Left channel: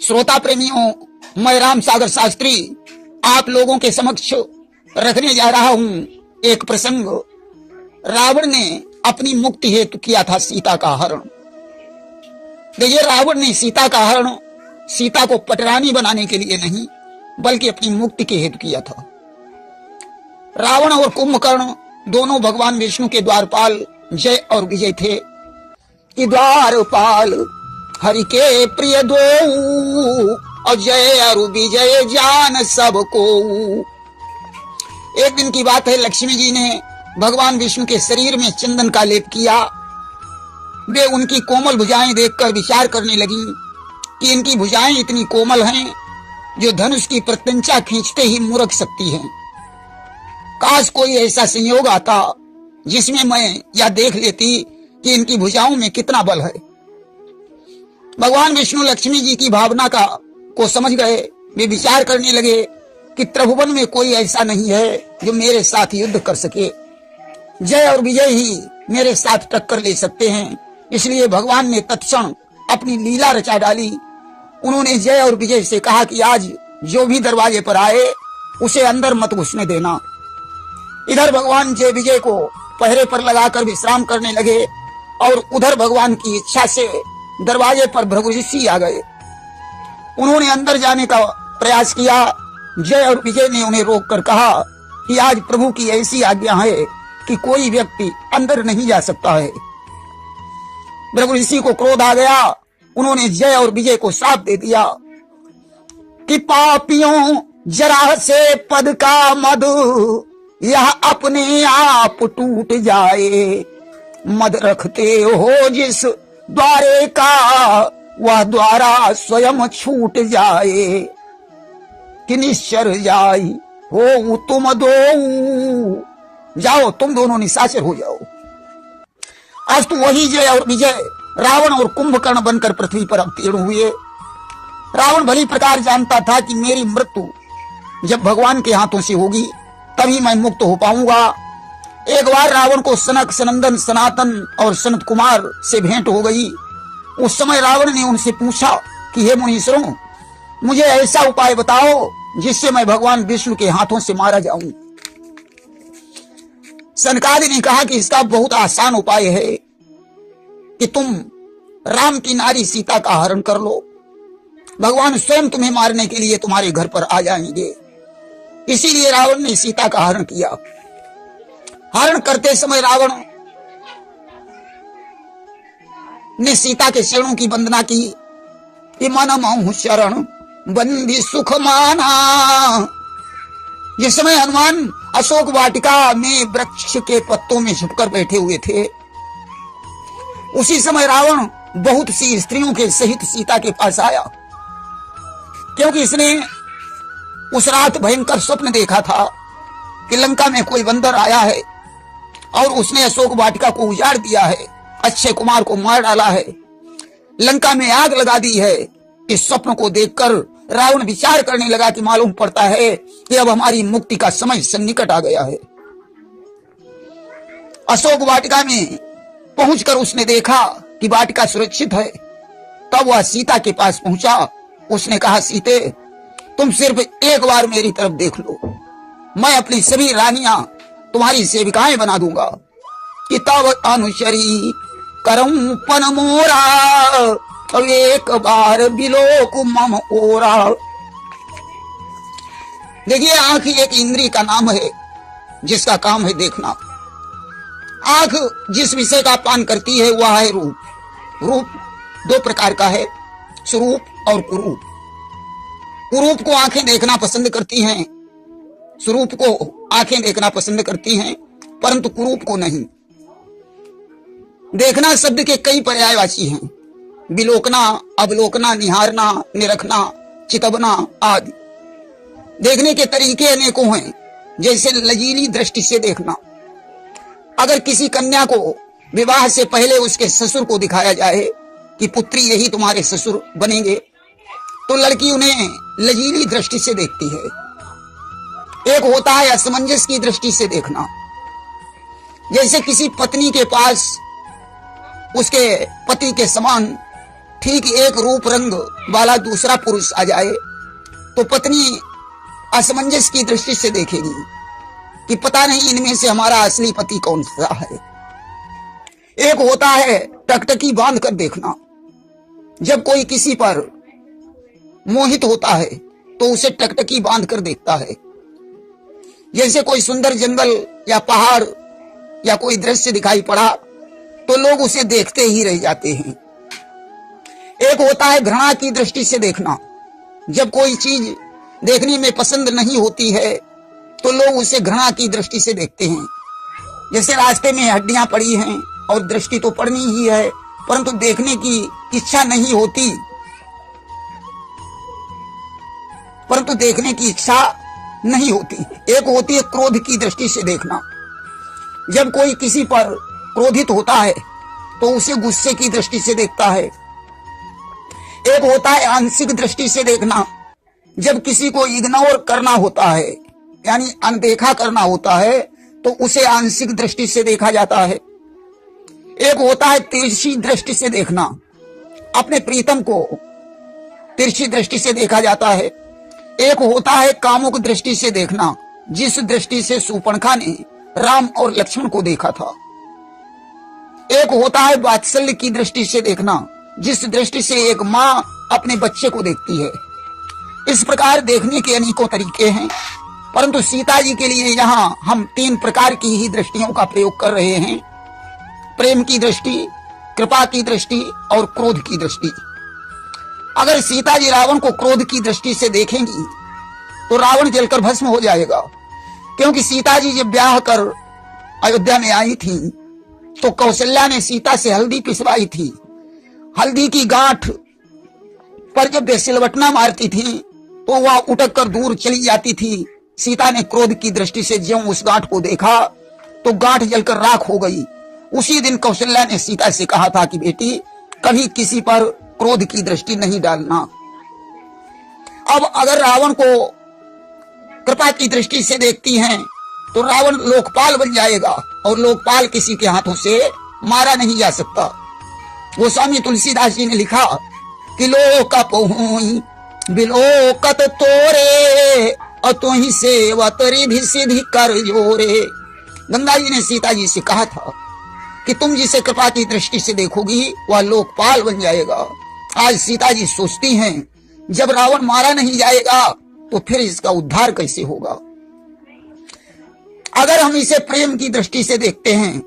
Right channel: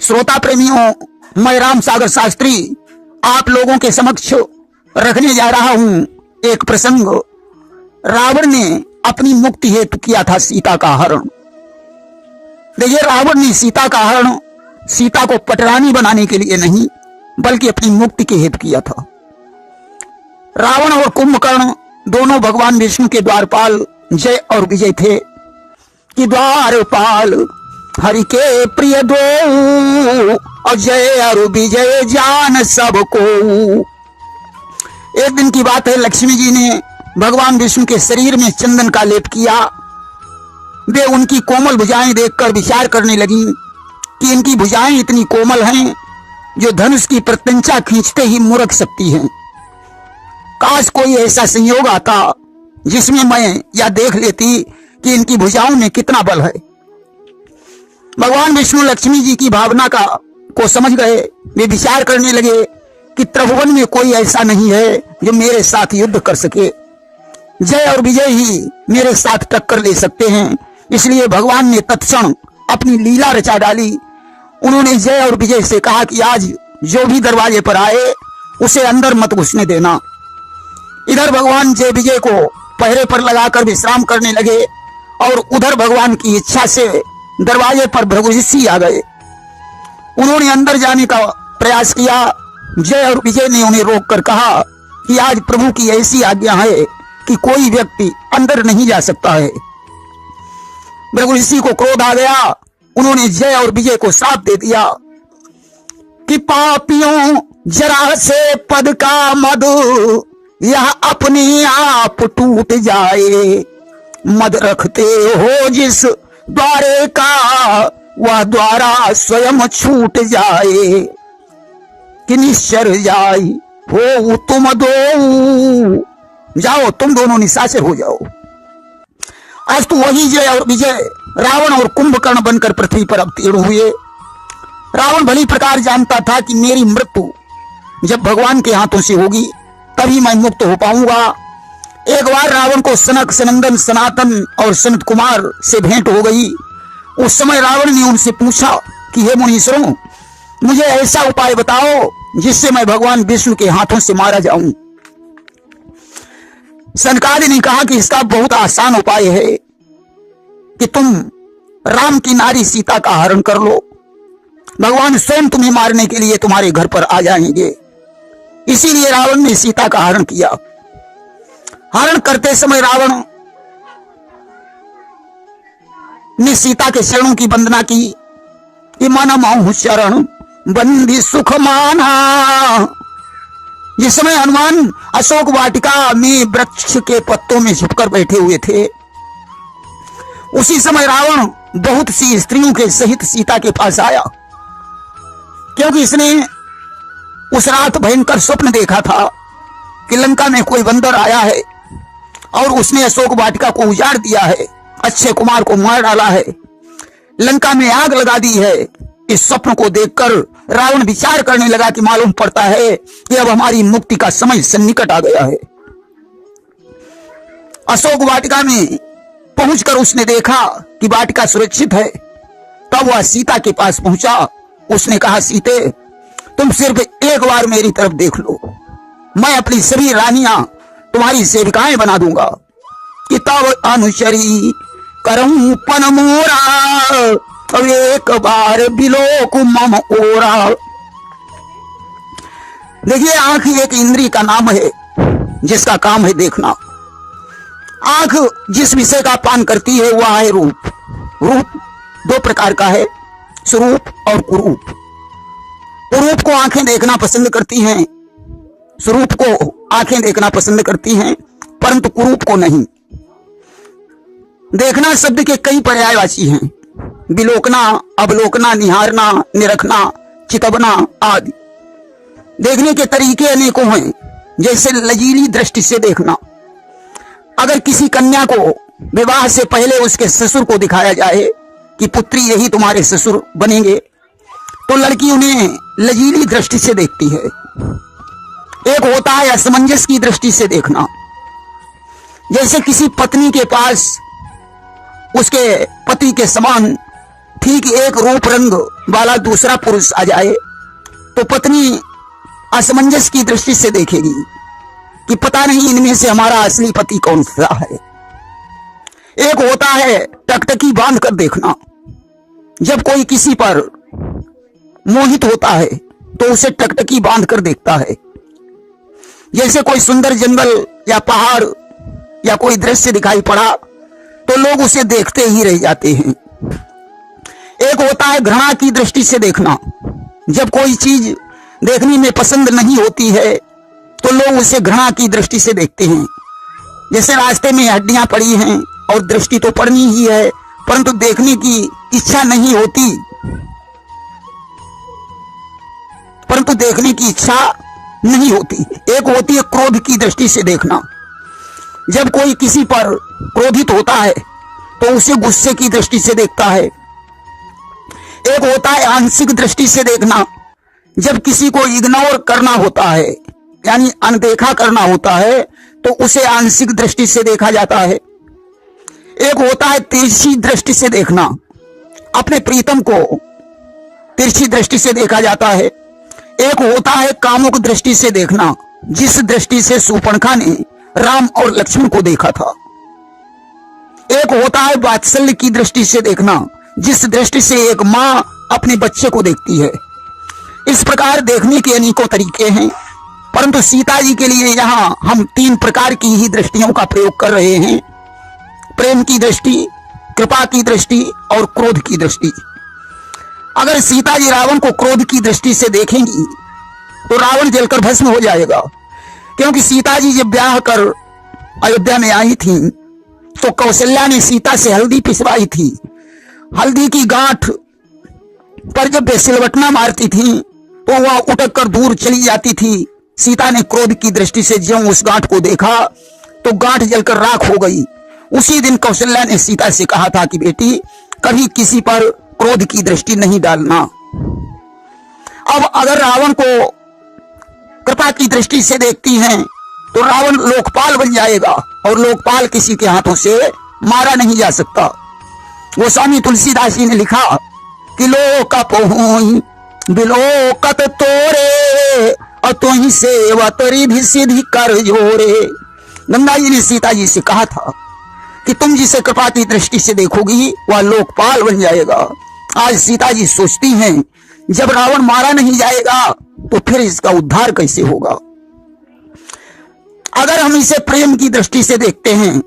श्रोता प्रेमियों, मैं राम सागर शास्त्री आप लोगों के समक्ष रखने जा रहा हूं एक प्रसंग। रावण ने अपनी मुक्ति हेतु किया था सीता का हरण। देखिए, रावण ने सीता का हरण सीता को पटरानी बनाने के लिए नहीं बल्कि अपनी मुक्ति के हेतु किया था। रावण और कुंभकर्ण दोनों भगवान विष्णु के द्वारपाल जय और विजय थे कि द्वारपाल हरि के प्रिय दो और जय और विजय जान सबको। एक दिन की बात है, लक्ष्मी जी ने भगवान विष्णु के शरीर में चंदन का लेप किया। वे उनकी कोमल भुजाएं देखकर विचार करने लगी कि इनकी भुजाएं इतनी कोमल हैं जो धनुष की प्रत्यंचा खींचते ही मुरक सकती हैं। काश कोई ऐसा संयोग आता जिसमें मैं यह देख लेती कि इनकी भुजाओं में कितना बल है। भगवान विष्णु लक्ष्मी जी की भावना को समझ गए। वे विचार करने लगे कि त्रिभुवन में कोई ऐसा नहीं है जो मेरे साथ युद्ध कर सके। जय और विजय ही मेरे साथ टक्कर ले सकते हैं। इसलिए भगवान ने तत्क्षण अपनी लीला रचा डाली। उन्होंने जय और विजय से कहा कि आज जो भी दरवाजे पर आए उसे अंदर मत घुसने देना। इधर भगवान जय विजय को पहरे पर लगाकर विश्राम करने लगे और उधर भगवान की इच्छा से दरवाजे पर भृगुऋषि आ गए। उन्होंने अंदर जाने का प्रयास किया। जय और विजय ने उन्हें रोककर कहा कि आज प्रभु की ऐसी आज्ञा है कि कोई व्यक्ति अंदर नहीं जा सकता है। भृगुऋषि को क्रोध आ गया। उन्होंने जय और विजय को श्राप दे दिया कि पापियों, जरा से पद का मद यह अपने आप टूट जाए। मद रखते हो जिस द्वारे का वह द्वारा स्वयं छूट जाए। कि निश्चर जाई हो तुम दो, जाओ तुम दोनों निशाचर हो जाओ। आज तो वही जय और विजय रावण और कुंभकर्ण बनकर पृथ्वी पर अवतीर्ण हुए। रावण भली प्रकार जानता था कि मेरी मृत्यु जब भगवान के हाथों से होगी तभी मैं मुक्त हो पाऊंगा। एक बार रावण को सनक, सनंदन, सनातन और सनत कुमार से भेंट हो गई। उस समय रावण ने उनसे पूछा कि हे मुनीश्वरों, मुझे ऐसा उपाय बताओ जिससे मैं भगवान विष्णु के हाथों से मारा जाऊं। सनकादि ने कहा कि इसका बहुत आसान उपाय है कि तुम राम की नारी सीता का हरण कर लो। भगवान स्वयं तुम्हें मारने के लिए तुम्हारे घर पर आ जाएंगे। इसीलिए रावण ने सीता का हरण किया। हरण करते समय रावण ने सीता के चरणों की वंदना की। मन महु शरण बंदी सुख माना। जिस समय हनुमान अशोक वाटिका में वृक्ष के पत्तों में छिपकर बैठे हुए थे, उसी समय रावण बहुत सी स्त्रियों के सहित सीता के पास आया, क्योंकि इसने उस रात भयंकर स्वप्न देखा था कि लंका में कोई बंदर आया है और उसने अशोक वाटिका को उजाड़ दिया है, अक्षय कुमार को मार डाला है, लंका में आग लगा दी है। इस स्वप्न को देखकर रावण विचार करने लगा कि मालूम पड़ता है कि अब हमारी मुक्ति का समय सन्निकट आ गया है। अशोक वाटिका में पहुंचकर उसने देखा कि वाटिका सुरक्षित है। तब वह सीता के पास पहुंचा। उसने कहा, सीते, तुम सिर्फ एक बार मेरी तरफ देख लो, मैं अपनी सभी रानियां तुम्हारी सेविकाएं बना दूंगा। कि तब अनुचरी करऊं पन मोरा, अब एक बार बिलोक मम ओरा। देखिए, आंख एक इंद्री का नाम है जिसका काम है देखना। आंख जिस विषय का पान करती है वह है रूप। रूप दो प्रकार का है, स्वरूप और कुरूप। कुरूप को आंखें देखना पसंद करती हैं, स्वरूप को आंखें देखना पसंद करती हैं, परंतु कुरूप को नहीं। देखना शब्द के कई पर्यायवाची हैं, विलोकना, अवलोकना, निहारना, निरखना, चितवना आदि। देखने के तरीके अनेकों हैं, जैसे लजीली दृष्टि से देखना। अगर किसी कन्या को विवाह से पहले उसके ससुर को दिखाया जाए कि पुत्री यही तुम्हारे ससुर बनेंगे, तो लड़की उन्हें लजीली दृष्टि से देखती है। एक होता है असमंजस की दृष्टि से देखना, जैसे किसी पत्नी के पास उसके पति के समान ठीक एक रूप रंग वाला दूसरा पुरुष आ जाए तो पत्नी असमंजस की दृष्टि से देखेगी कि पता नहीं इनमें से हमारा असली पति कौन सा है। एक होता है टकटकी बांध कर देखना। जब कोई किसी पर मोहित होता है तो उसे टकटकी बांध कर देखता है। जैसे कोई सुंदर जंगल या पहाड़ या कोई दृश्य दिखाई पड़ा तो लोग उसे देखते ही रह जाते हैं। एक होता है घृणा की दृष्टि से देखना। जब कोई चीज देखने में पसंद नहीं होती है तो लोग उसे घृणा की दृष्टि से देखते हैं। जैसे रास्ते में हड्डियां पड़ी हैं और दृष्टि तो पड़नी ही है परंतु देखने की इच्छा नहीं होती, परंतु देखने की इच्छा नहीं होती। एक होती है क्रोध की दृष्टि से देखना। जब कोई किसी पर क्रोधित होता है तो उसे गुस्से की दृष्टि से देखता है। एक होता है आंशिक दृष्टि से देखना। जब किसी को इग्नोर करना होता है यानी अनदेखा करना होता है तो उसे आंशिक दृष्टि से देखा जाता है। एक होता है तिरछी दृष्टि से देखना। अपने प्रीतम को तिरछी दृष्टि से देखा जाता है। एक होता है कामुक दृष्टि से देखना, जिस दृष्टि से शूर्पणखा ने राम और लक्ष्मण को देखा था। एक होता है वात्सल्य की दृष्टि से देखना, जिस दृष्टि से एक मां अपने बच्चे को देखती है। इस प्रकार देखने के अनेकों तरीके हैं, परंतु सीता जी के लिए यहाँ हम 3 प्रकार की ही दृष्टियों का प्रयोग कर रहे हैं। प्रेम की दृष्टि, कृपा की दृष्टि और क्रोध की दृष्टि। अगर सीता जी रावण को क्रोध की दृष्टि से देखेंगी तो रावण जलकर भस्म हो जाएगा, क्योंकि सीता जी जब ब्याह कर अयोध्या में आई थी तो कौशल्या ने सीता से हल्दी पिसवाई थी। हल्दी की गांठ पर जब वे सिलवटना मारती थी तो वह उठक कर दूर चली जाती थी। सीता ने क्रोध की दृष्टि से ज्यों उस गांठ को देखा तो गांठ जलकर राख हो गई। उसी दिन कौशल्या ने सीता से कहा था कि बेटी कभी किसी पर क्रोध की दृष्टि नहीं डालना। अब अगर रावण को कृपा की दृष्टि से देखती हैं तो रावण लोकपाल बन जाएगा और लोकपाल किसी के हाथों से मारा नहीं जा सकता। गोस्वामी तुलसीदास जी ने लिखा कि लोक पहुई बिलोकत तोरे और तुही सेवत रिधि सिद्धि कर जोरे। गंगा जी ने सीता जी से कहा था कि तुम जिसे कृपा की दृष्टि से देखोगी वह लोकपाल बन जाएगा। आज सीता जी सोचती हैं जब रावण मारा नहीं जाएगा तो फिर इसका उद्धार कैसे होगा। अगर हम इसे प्रेम की दृष्टि से देखते हैं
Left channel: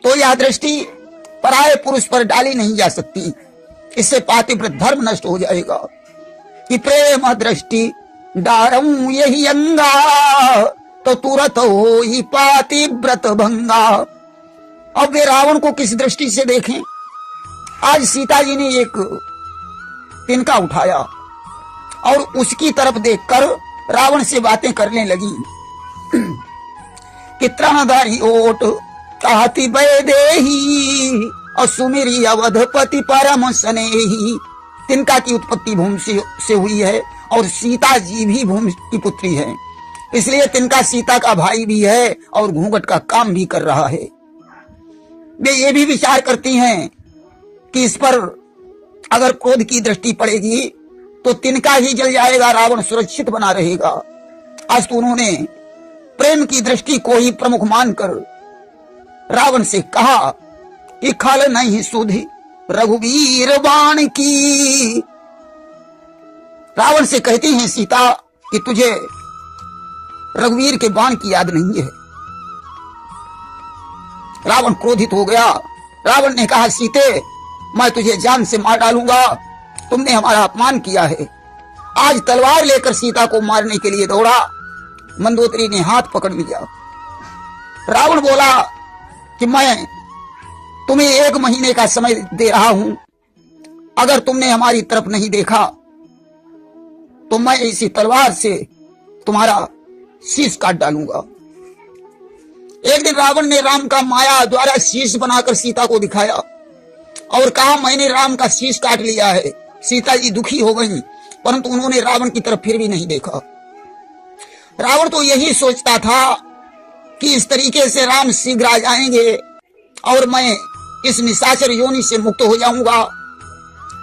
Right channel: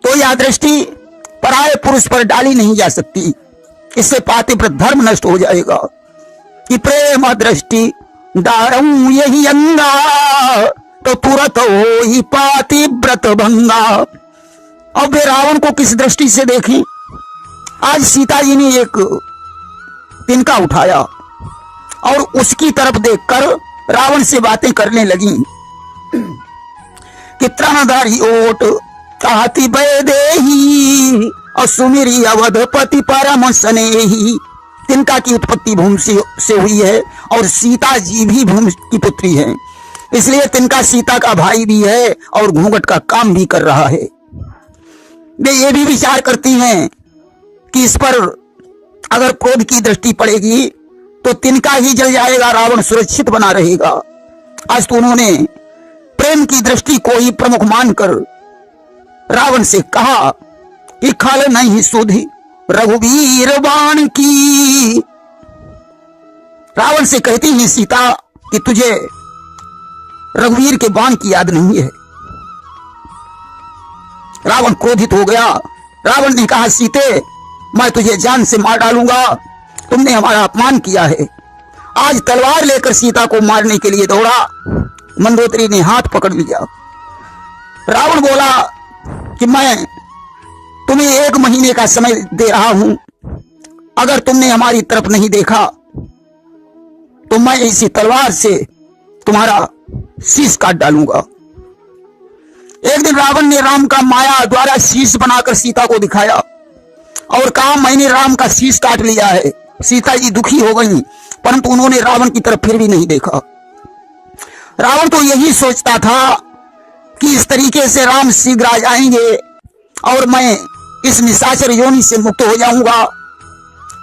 तो यह दृष्टि पराये पुरुष पर डाली नहीं जा सकती। इससे पातिव्रत धर्म नष्ट हो जाएगा कि प्रेम दृष्टि डारऊ यही अंगा तो तुरंत हो ही पातिव्रत भंगा। अब वे रावण को किस दृष्टि से देखें। आज सीता जी ने एक तिनका उठाया और उसकी तरफ देखकर रावण से बातें करने लगी कि त्राणधारी ओट चाहती वैदेही और सुमिरी अवधपति परम स्नेही। तिनका की उत्पत्ति भूमि से हुई है और सीता जी भी भूमि की पुत्री है, इसलिए तिनका सीता का भाई भी है और घूंघट का काम भी कर रहा है। वे ये भी विचार करती हैं कि इस पर अगर क्रोध की दृष्टि पड़ेगी तो तिनका ही जल जाएगा, रावण सुरक्षित बना रहेगा। आज तो उन्होंने प्रेम की दृष्टि को ही प्रमुख मानकर रावण से कहा कि खल नहीं सुधी रघुवीर बाण की। रावण से कहती है सीता कि तुझे रघुवीर के बाण की याद नहीं है। रावण क्रोधित हो गया। रावण ने कहा सीते मैं तुझे जान से मार डालूंगा, तुमने हमारा अपमान किया है। आज तलवार लेकर सीता को मारने के लिए दौड़ा। मंदोदरी ने हाथ पकड़ लिया। रावण बोला कि मैं तुम्हें 1 महीने का समय दे रहा हूं, अगर तुमने हमारी तरफ नहीं देखा तो मैं इसी तलवार से तुम्हारा शीश काट डालूंगा। एक दिन रावण ने राम का माया द्वारा शीश बनाकर सीता को दिखाया और कहा मैंने राम का शीश काट लिया है। सीता जी दुखी हो गई, परंतु उन्होंने रावण की तरफ फिर भी नहीं देखा। रावण तो यही सोचता था कि इस तरीके से राम शीघ्र आ जाएंगे और मैं इस निशाचर योनि से मुक्त हो जाऊंगा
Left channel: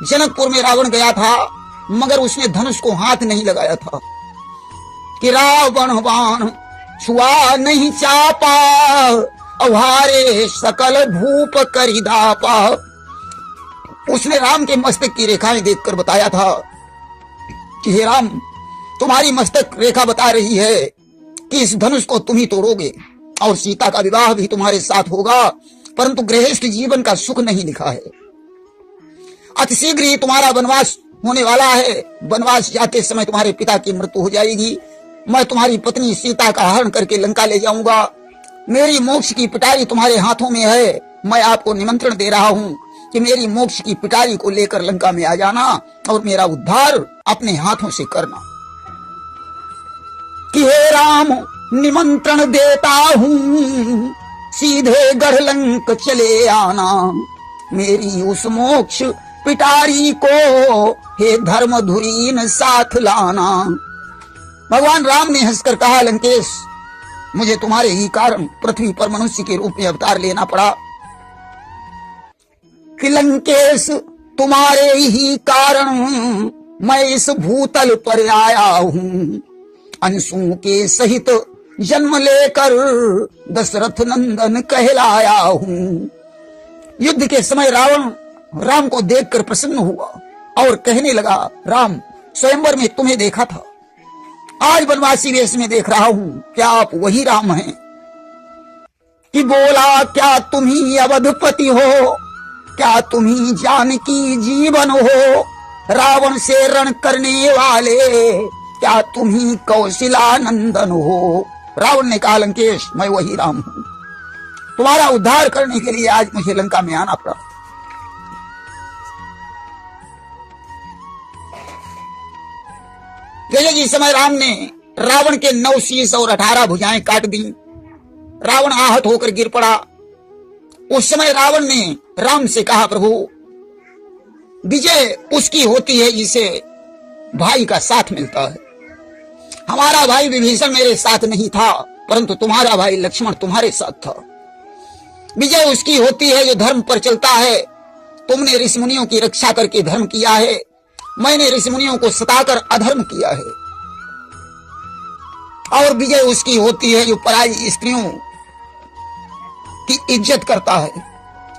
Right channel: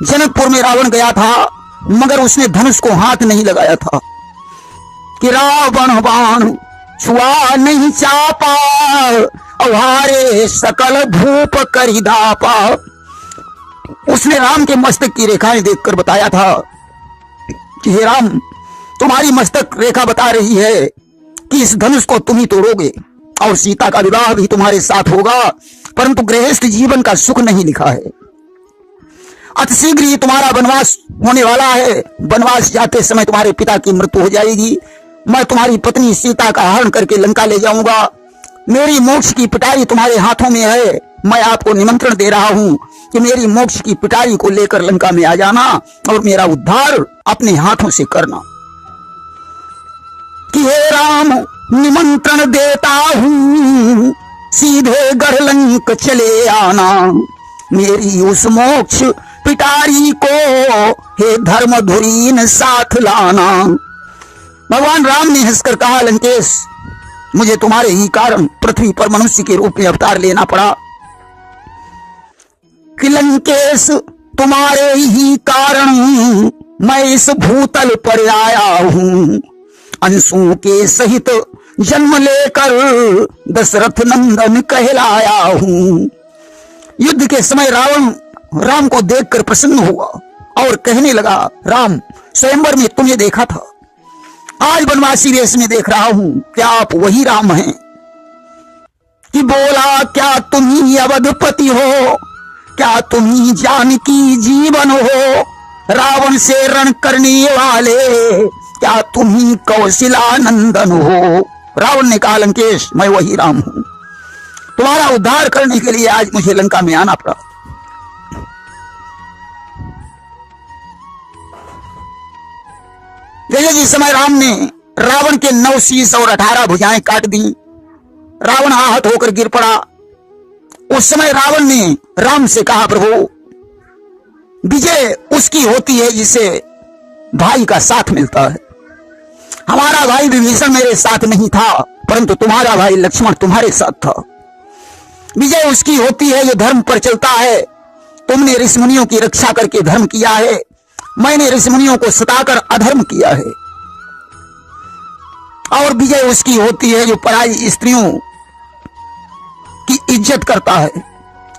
जनकपुर में रावण गया था, मगर उसने धनुष को हाथ नहीं लगाया था कि रावण बाण छुआ नहीं चापा, अवारे सकल भूप करि दापा। उसने राम के मस्तक की रेखाएं देखकर बताया था कि हे राम, तुम्हारी मस्तक रेखा बता रही है कि इस धनुष को तुम ही तोड़ोगे और सीता का विवाह भी तुम्हारे साथ होगा, परंतु गृहस्थ जीवन का सुख नहीं लिखा है। अतिशीघ्र ही तुम्हारा वनवास होने वाला है। वनवास जाते समय तुम्हारे पिता की मृत्यु हो जाएगी। मैं तुम्हारी पत्नी सीता का हरण करके लंका ले जाऊंगा। मेरी मोक्ष की पिटारी तुम्हारे हाथों में है। मैं आपको निमंत्रण दे रहा हूं कि मेरी मोक्ष की पिटारी को लेकर लंका में आ जाना और मेरा उद्धार अपने हाथों से करना। कि हे राम, निमंत्रण देता हूं, सीधे गढ़ लंक चले आना। मेरी उस मोक्ष पिटारी को हे धर्मधुरीन साथ लाना। भगवान राम ने हंसकर कहा, लंकेश, मुझे तुम्हारे ही कारण पृथ्वी पर मनुष्य के रूप में अवतार लेना पड़ा। कि लंकेश, तुम्हारे ही कारण मैं इस भूतल पर आया हूं। अंशों के सहित जन्म लेकर दशरथ नंदन कहलाया हूं। युद्ध के समय रावण राम को देखकर प्रसन्न हुआ और कहने लगा, राम, स्वयंवर में तुम्हें देखा था, आज वनवासी वेश में देख रहा हूं, क्या आप वही राम हैं? कि बोला, क्या तुम ही अवधपति हो, क्या तुम ही जानकी जीवन हो, रावण से रण करने वाले, क्या तुम ही कौशिला नंदन हो। रावण ने कहा, लंकेश, मैं वही राम हूं। तुम्हारा उद्धार करने के लिए आज मुझे लंका में आना पड़ा। जैसे जिस समय राम ने रावण के 9 शीश और 18 भुजाएं काट दी, रावण आहत होकर गिर पड़ा। उस समय रावण ने राम से कहा, प्रभु, विजय उसकी होती है जिसे भाई का साथ मिलता है। हमारा भाई विभीषण मेरे साथ नहीं था, परंतु तुम्हारा भाई लक्ष्मण तुम्हारे साथ था। विजय उसकी होती है जो धर्म पर चलता है। तुमने ऋषिमुनियों की रक्षा करके धर्म किया है, मैंने ऋषिमुनियों को सताकर अधर्म किया है। और विजय उसकी होती है जो पराई स्त्रियों की इज्जत करता है।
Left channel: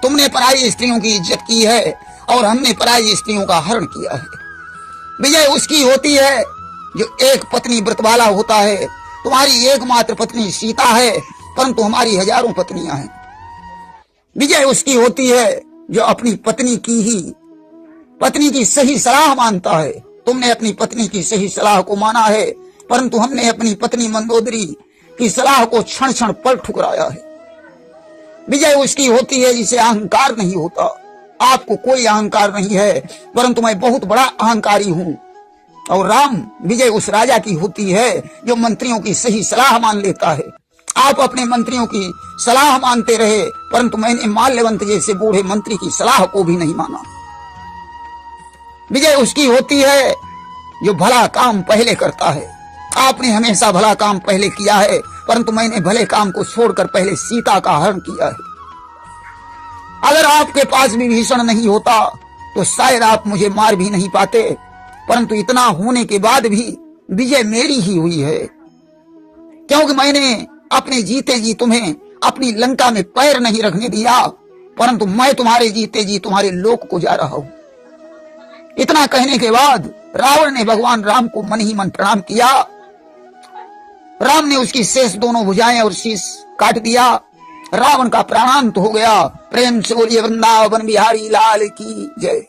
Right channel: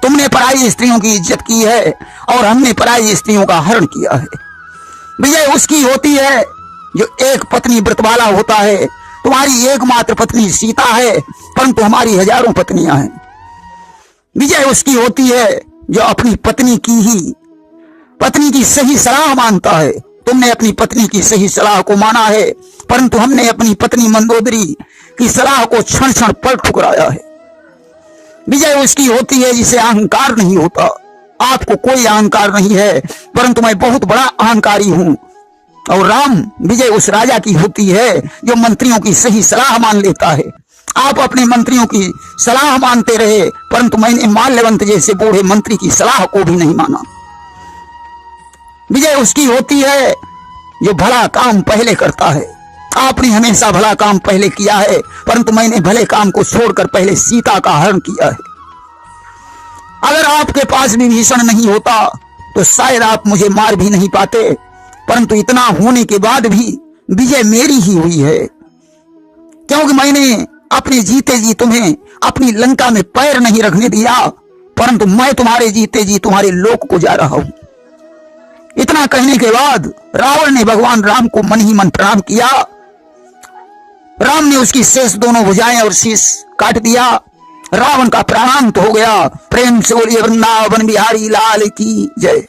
तुमने पराई स्त्रियों की इज्जत की है और हमने पराई स्त्रियों का हरण किया है। विजय उसकी होती है जो एक पत्नी व्रत वाला होता है। तुम्हारी एकमात्र पत्नी सीता है, परंतु हमारी हजारों पत्नियां हैं। विजय उसकी होती है जो अपनी पत्नी की सही सलाह मानता है। तुमने अपनी पत्नी की सही सलाह को माना है, परंतु हमने अपनी पत्नी मंदोदरी की सलाह को क्षण क्षण पर ठुकराया है। विजय उसकी होती है जिसे अहंकार नहीं होता। आपको कोई अहंकार नहीं है, परंतु मैं बहुत बड़ा अहंकारी हूं। और राम, विजय उस राजा की होती है जो मंत्रियों की सही सलाह मान लेता है। आप अपने मंत्रियों की सलाह मानते रहे, परंतु मैंने माल्यवंत जैसे बूढ़े मंत्री की सलाह को भी नहीं माना। विजय उसकी होती है जो भला काम पहले करता है। आपने हमेशा भला काम पहले किया है, परंतु मैंने भले काम को छोड़कर पहले सीता का हरण किया है। अगर आपके पास विभीषण नहीं होता तो शायद आप मुझे मार भी नहीं पाते, परंतु इतना होने के बाद भी विजय मेरी ही हुई है, क्योंकि मैंने अपने जीते जी तुम्हें अपनी लंका में पैर नहीं रखने दिया, परंतु मैं तुम्हारे जीते जी तुम्हारे लोक को जा रहा हूं। इतना कहने के बाद रावण ने भगवान राम को मन ही मन प्रणाम किया। राम ने उसकी शेष दोनों भुजाएं और शीश काट दिया। रावण का प्राणांत हो गया। प्रेम से बोलिए वृंदावन बिहारी लाल की जय।